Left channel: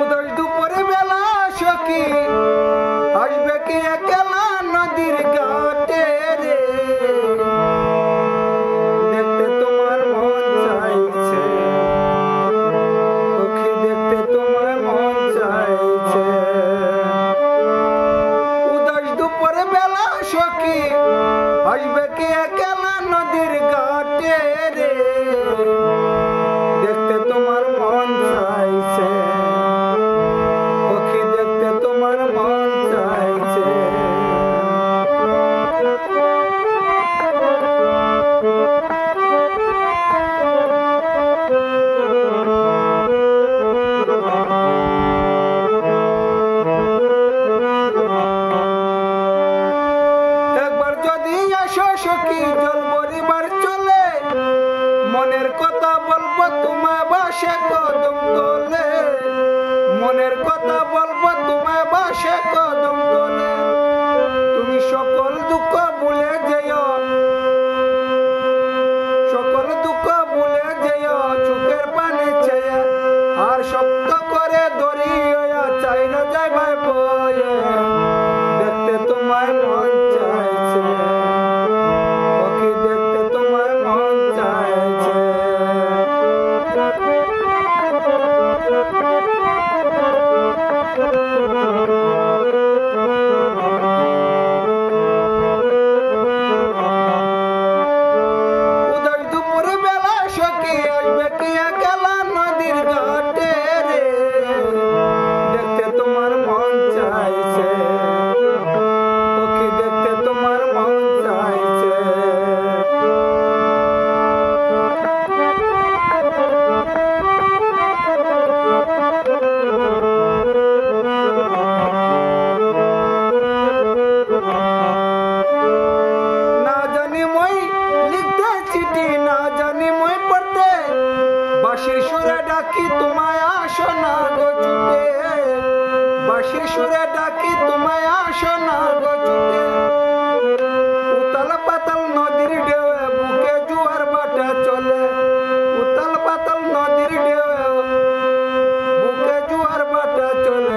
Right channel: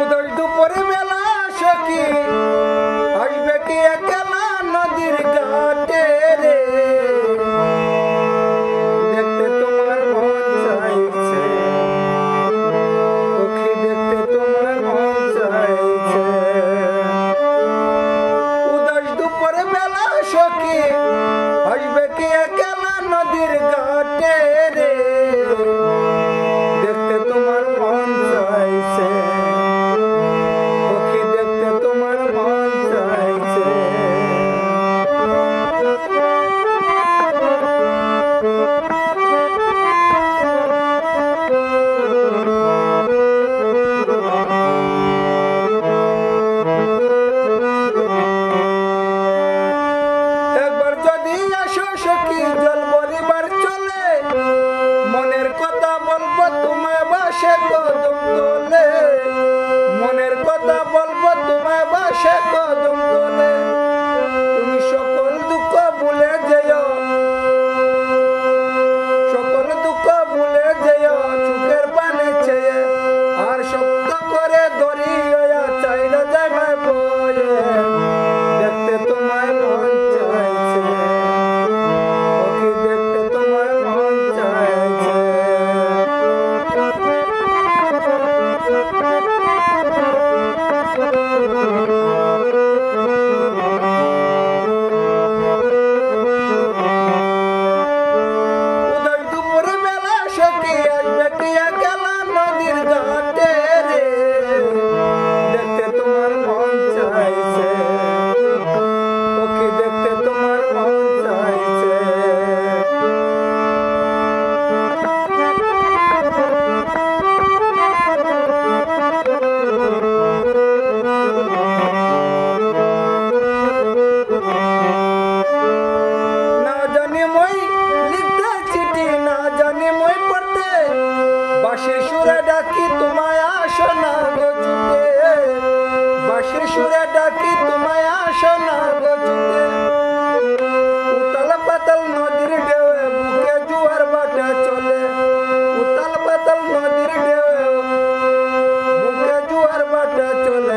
উদয় দুপুরে বেলা সখী আসবে কি একলা নদীর ঘাটে রে, দেখতে তোমার মন চাইছে সখী, দেখতে তোমার মন চাইছে। উদয় দুপুরে বেলা সখী আসবে কি একলা নদীর ঘাটে রে, দেখতে তোমার মন চাইছে সখী, দেখতে তোমার মন চাইছে। একবার যদি আসো সখী জল ভরিবার চলে, মনের কথা বলবো তোমায় বাসে কদম তোলে, মনের কথা বলবো তোমায় বাসে কদম তোলে। তুমি সকল দুঃখ ভুলে যেও, সকল দুঃখ ভুলে যেও চোখের পানে চেয়ে, আর শক্ত করে ধরিয়া চাইলে যাইবে বয়ে, দেখতে তোমায় মন চাইছে সখী, দেখতে তোমায় মন চাইছে। উদয় দুপুর বেলা সখী আসবে কি একলা নদীর ঘাটে রে, দেখতে তোমার মন চাইছে সখী, দেখতে তোমার মন চাইছে। না জানি মই লিখতে চিঠি, না জানি মই পড়তে, বাঁশির সুরে ডাকি তোমায় আসো না গো ছুটে, বাঁশির সুরে ডাকি তোমায় আসো না গো ছুটে। উতাল পাতাল নদীর ঢেউয়ে বুকে জোয়ার বাটে চলে, উতাল পাতাল নদীর ঢেউয়ে বুকে জোয়ার বাটে চলে,